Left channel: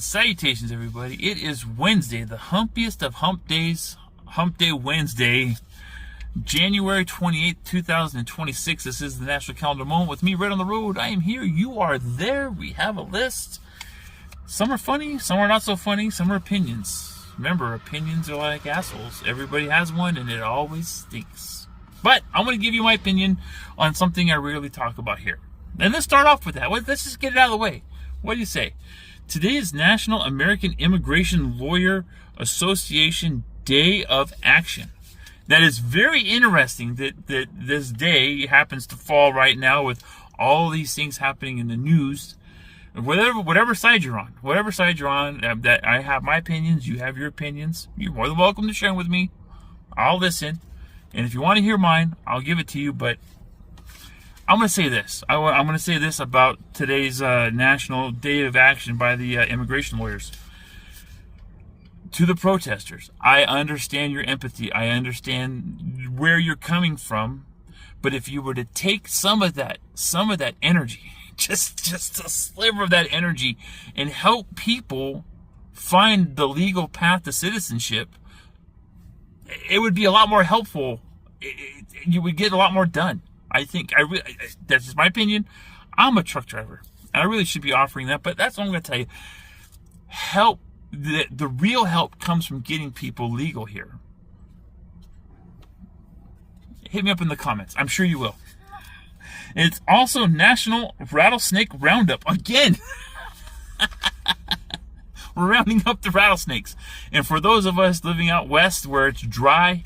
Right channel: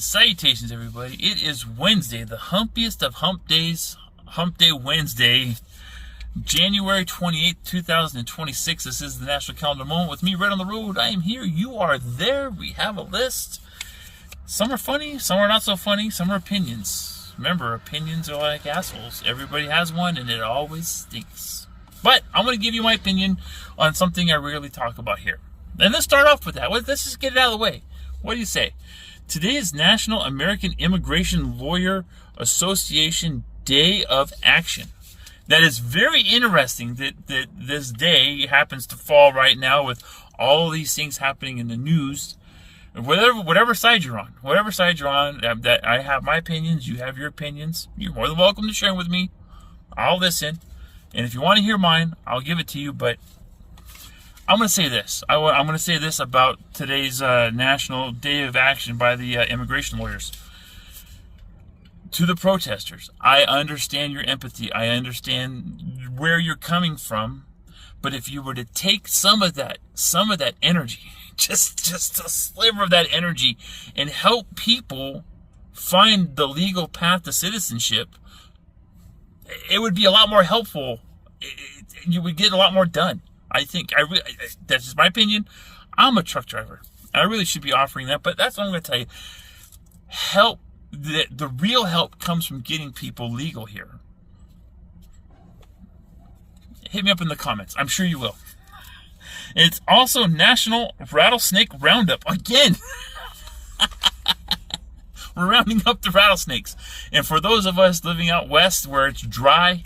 Salutations, everybody. It is Wednesday, the humpiest of hump days, Hump Day Wednesday, January 28th, 2026. This is the National Calendar Moment with me right on the road. I am here. You are there. We have a list. Some are funny, some are not so funny, some are opinions. Remember, opinions are like assholes. Everybody has one, and it always stinks. But I'm going to give you my opinion on something I rarely talk about here. And let's start off with that. Let's just get it out of the way. What do you say? Today is National American Immigration Lawyer Association Day of Action. That is very interesting that this day happens to fall right now with all these things happening in the news. Whatever side you're on, that I have my opinions, you have your opinions. You're more than welcome to share them with me. I'll listen. And if you want to hear mine, I'll give it to you. But I'm going to say this. I'm going to say this about today's National Day of Action by the immigration lawyers. To the protesters, I understand your empathy. I understand where you're coming from. But if you were to take some of that energy, just a sliver of that energy, and help people find the legal path to citizenship, it would be a lot more helpful. You would get a lot more done. I think that's just my opinion. I'm a truck driver. I really should be offering that, but that's what I'm going to tell you. Help, the real help comes from getting people legal here. Hit me up in the comments. I'm sure you will. It's also National Rattlesnake Roundup. Again. We're rounding up the rattlesnakes. And for those of us living out west where it's dry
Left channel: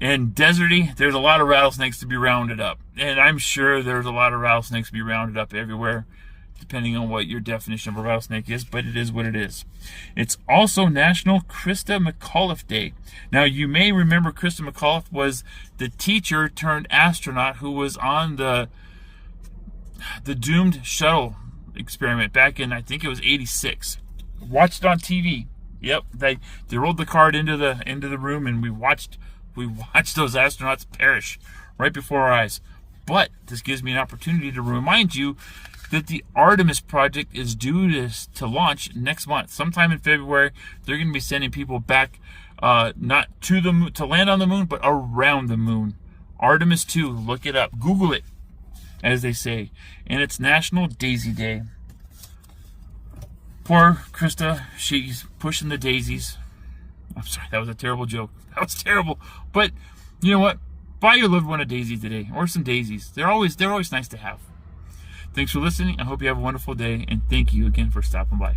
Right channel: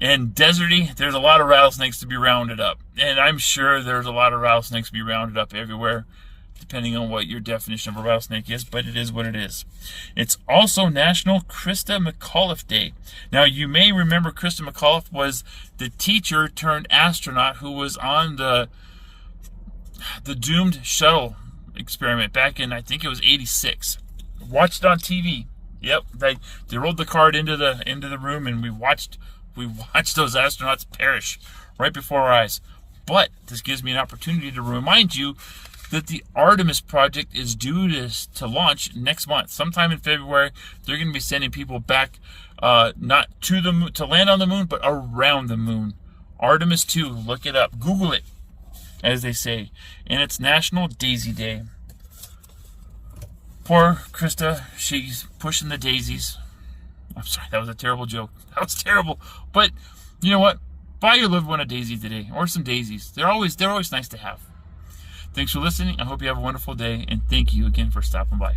and deserty, there's a lot of rattlesnakes to be rounded up. And I'm sure there's a lot of rattlesnakes to be rounded up everywhere, depending on what your definition of a rattlesnake is, but it is what it is. It's also National Christa McAuliffe Day. Now, you may remember Christa McAuliffe was the teacher turned astronaut who was on the doomed shuttle experiment back in, I think it was 86. Watched it on TV. Yep, they rolled the card into the room, and we watched those astronauts perish right before our eyes. But this gives me an opportunity to remind you that the Artemis project is due to launch next month. Sometime in February, they're going to be sending people back, not to the moon, to land on the moon, but around the moon. Artemis 2, look it up. Google it, as they say. And it's National Daisy Day. Poor Christa, she's pushing the daisies. I'm sorry, that was a terrible joke. That was terrible. But you know what? Buy your loved one a daisy today, or some daisies. They're always nice to have. Thanks for listening. I hope you have a wonderful day, and thank you again for stopping by.